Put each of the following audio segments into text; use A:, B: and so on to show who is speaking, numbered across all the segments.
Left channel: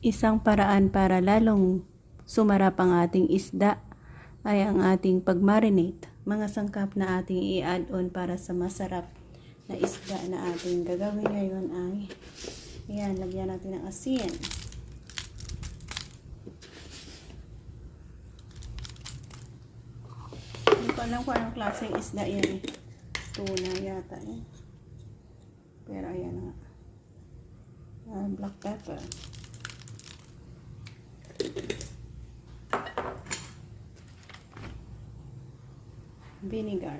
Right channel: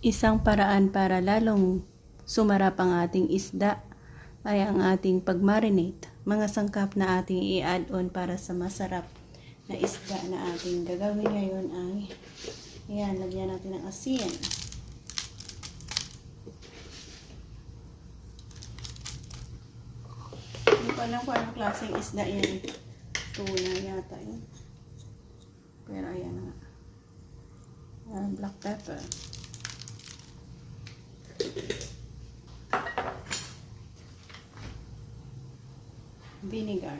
A: Isang paraan para lalong sumarap ang ating isda ay ang ating pag-marinate. Mga sangkap na ating i-add on para sa masarap na isda na ating gagawin ngayon ay yan, lagyan natin ng asin. Hindi ko alam kung anong klaseng isda yan. eh. Tuna yata yan. Pero ayan nga. Ah, black pepper. Vinegar.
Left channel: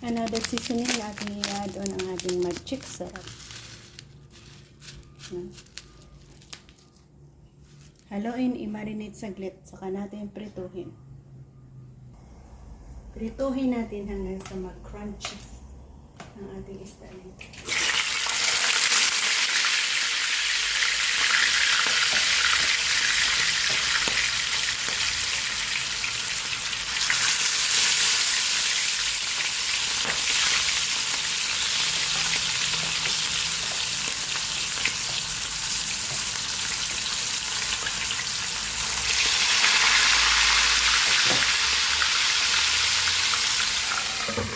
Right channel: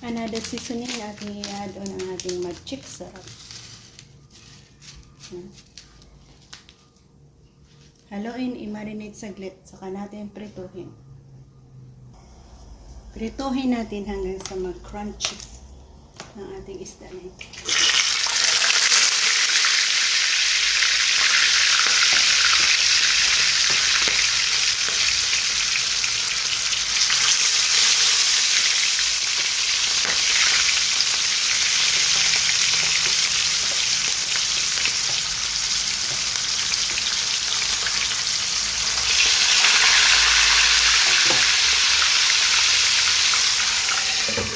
A: Another seasoning na ating i-add on ang ating magic syrup. Yan. Haluin, i-marinate saglit, saka natin prituhin. Prituhin natin hanggang sa mag-crunchy ang ating isda na ito. Pag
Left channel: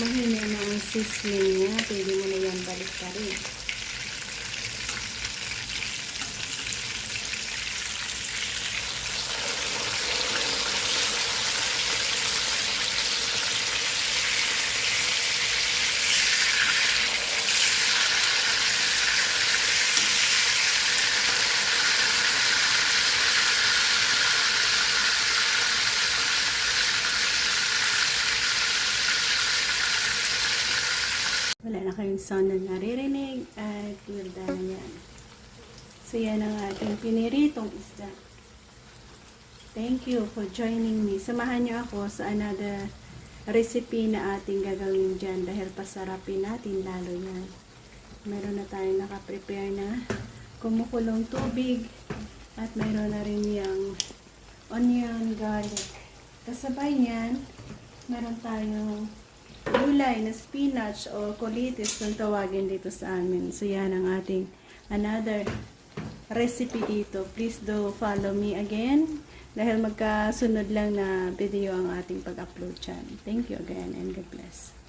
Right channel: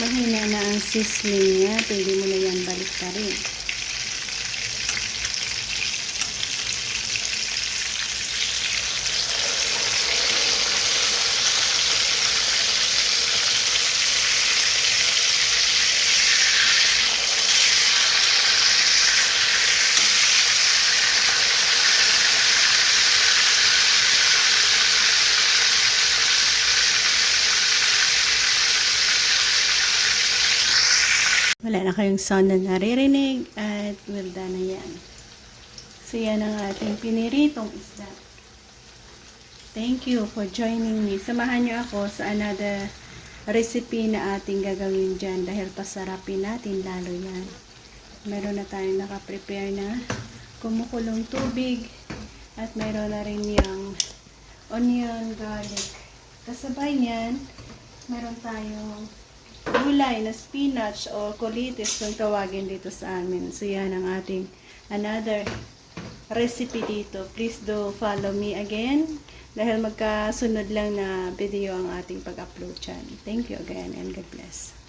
A: mahina na ang sizzling niya, pwede mo na yan balik pa rin. Wala na kayong sound na naririnig at well done na yan. So yan ang ating piniritong isda. Thank you for joining me. Samahan niyo ako sa another recipe na ating gagawin dyan dahil pasarapin natin lalo yan. Meron na tayong nakaprepare na kumukulong tubig at meron na rin yung onion, garlic. Kasabay niyan, meron tayong gulay na spinach o colitis kung tawagin dito sa amin. So yan ang ating another recipe dito. Please do follow me again dahil magkasunod lang na video ang ating pag-upload dyan. Thank you again and God bless.